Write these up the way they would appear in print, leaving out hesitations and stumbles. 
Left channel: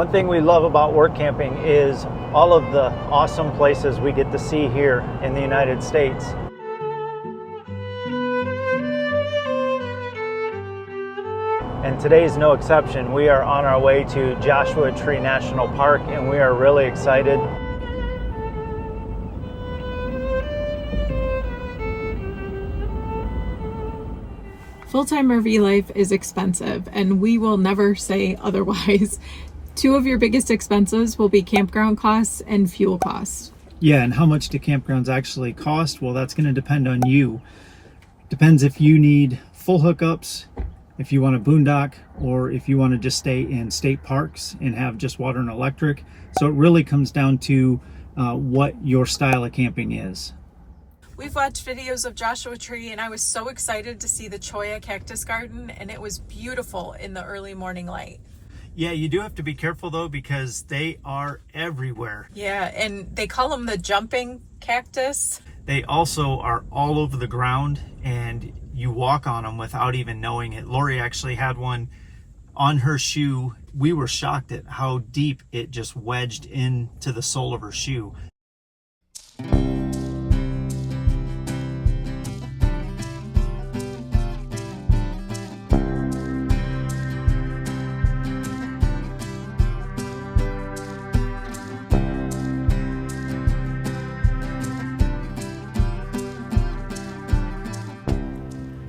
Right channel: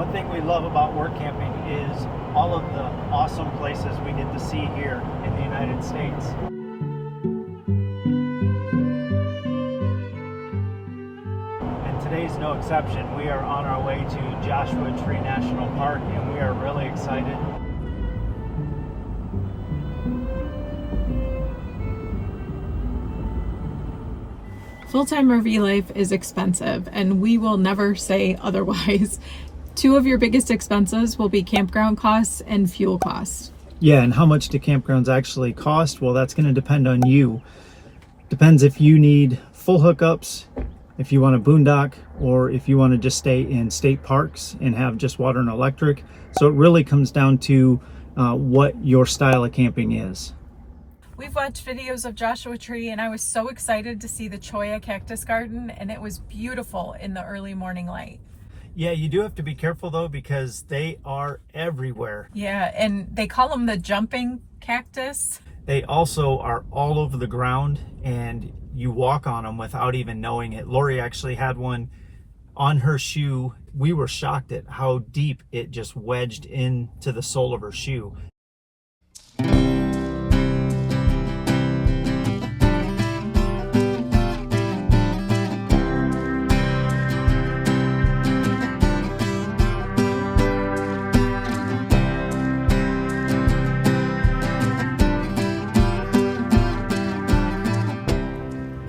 One thing we love about work camping is all of the awesome places we get to see here in the United States. And today's no exception. We are on our way to Joshua Tree National Park, and we are really excited. Full-time RV life is expensive, and we will never say otherwise. Two of your biggest expenses will be campground costs and fuel costs. Yeah, and how much do campgrounds actually cost? Well, that's going to depend on you. Depends if you need full hookups, if you want a boondock, or if you want to just stay in state parks and have just water and electric. So it really comes down to what your style of camping is. We've watched videos of Joshua Tree, and I was so excited to see the Cholla cactus garden, and it was beautiful in the early morning light. Yeah, you do have to be careful though, because they are everywhere. Yeah, and they call them the jumping cactus. They also are all over the ground, and you walk on them without even knowing it. Laurie actually had one on her shoe. We were shocked at how deep it just wedged into the sole of her shoe.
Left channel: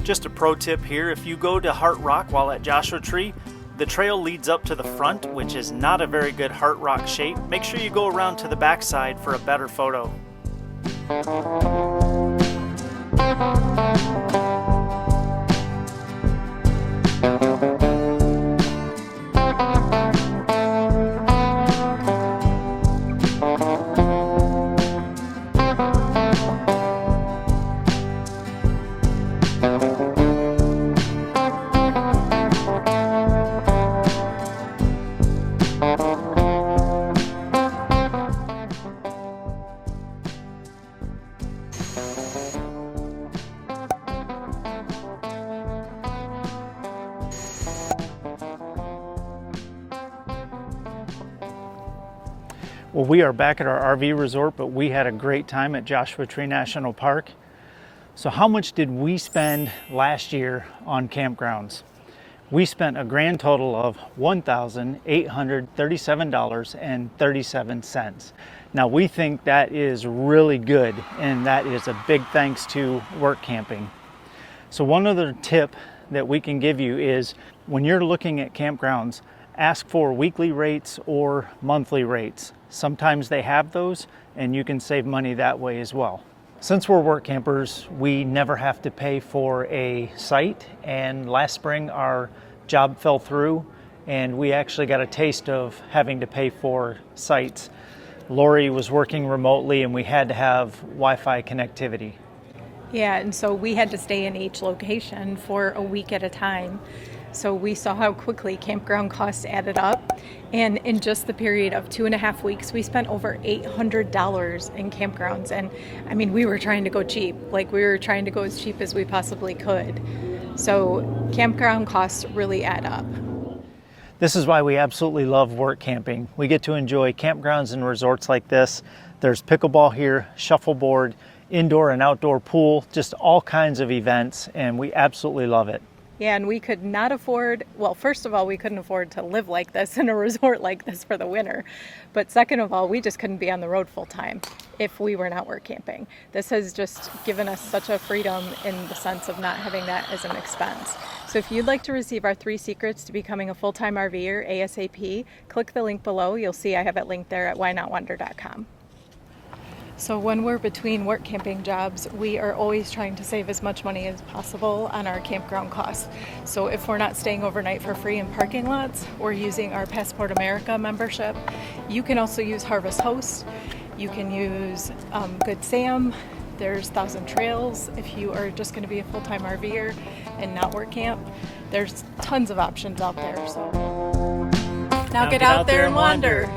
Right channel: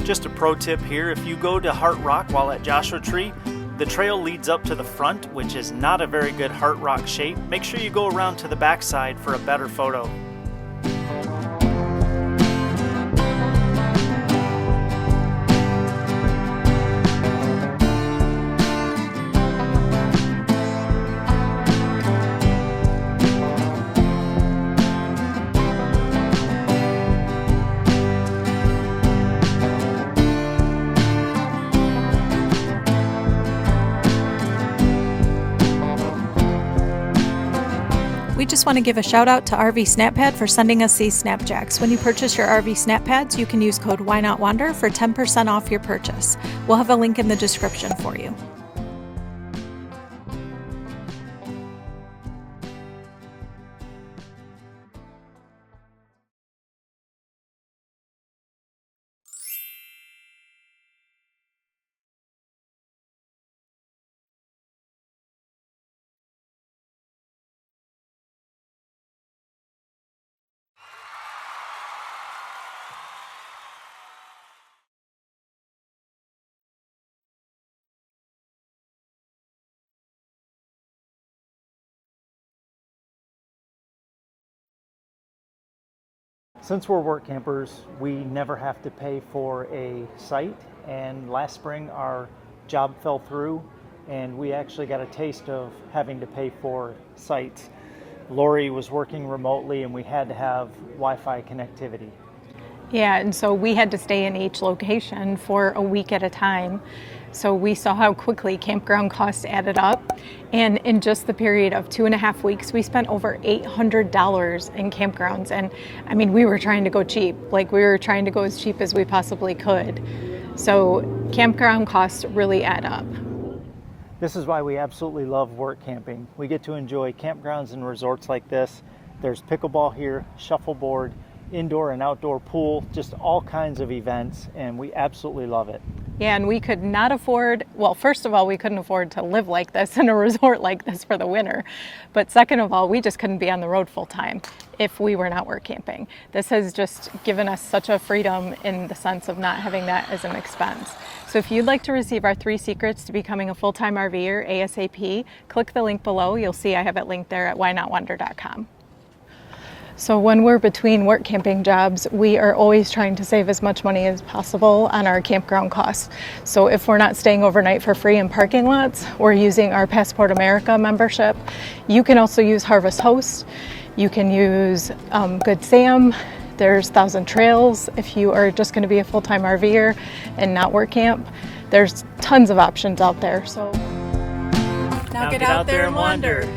Just a pro tip here, if you go to Heart Rock while at Joshua Tree, the trail leads up to the front, which is not a very good Heart Rock shape. Make sure you go around to the backside for a better photo. Just want to give a shout out to RV SnapPad for sending us these Snapjacks. When you purchase your RV SnapPads, you can use code WhyNotWander for 10% off your purchase. We'll have a link in the description for you. Well, we are back at our RV resort, but we had a great time at Joshua Tree National Park. So how much did we spend last year on campgrounds? We spent a grand total of $1,837.37. Now we think that is really good, and that is a big thanks to work camping. So one other tip that we can give you is when you're looking at campgrounds, ask for weekly rates or monthly rates. Sometimes they have those, and you can save money that way as well. Since we're work campers, we never have to pay for a site, and last spring our job fell through and we actually got a taste of having to pay for sites. Laurie was working remotely and we had to have Wi-Fi connectivity. Yeah, and so we had to stay in each location for a week at a time. So we saw how quickly campground costs added up. And in just the period of 2.5 weeks, we spent over $800 in campgrounds. And I mean, we were trying to go cheap. Like, we were trying to go as cheap as we possibly could. So campground costs really add up. This is why we absolutely love work camping. We get to enjoy campgrounds and resorts like this. There's pickleball here, shuffleboard, indoor and outdoor pool, just all kinds of events, and we absolutely love it. Yeah, and we could not afford, well, first of all, we couldn't afford to live like this in a resort like this for the winter. But second of all, we just couldn't be on the road full time if we were not work camping. This has just given us such a freedom in the sense of not having that as an expense. So if you'd like to receive our 3 secrets to becoming a full-time RVer ASAP, click the link below. You'll see I have it linked there at whynotwander.com. So when we're between work camping jobs, we are always trying to save as much money as possible on our campground costs. So if we're not staying overnight for free in parking lots, we're using our Passport America membership. You can also use Harvest Host. You can use Good Sam. There's Thousand Trails if you are just going to be a full-time RVer and not work camp. There's tons of options out there. So now get out there and wander.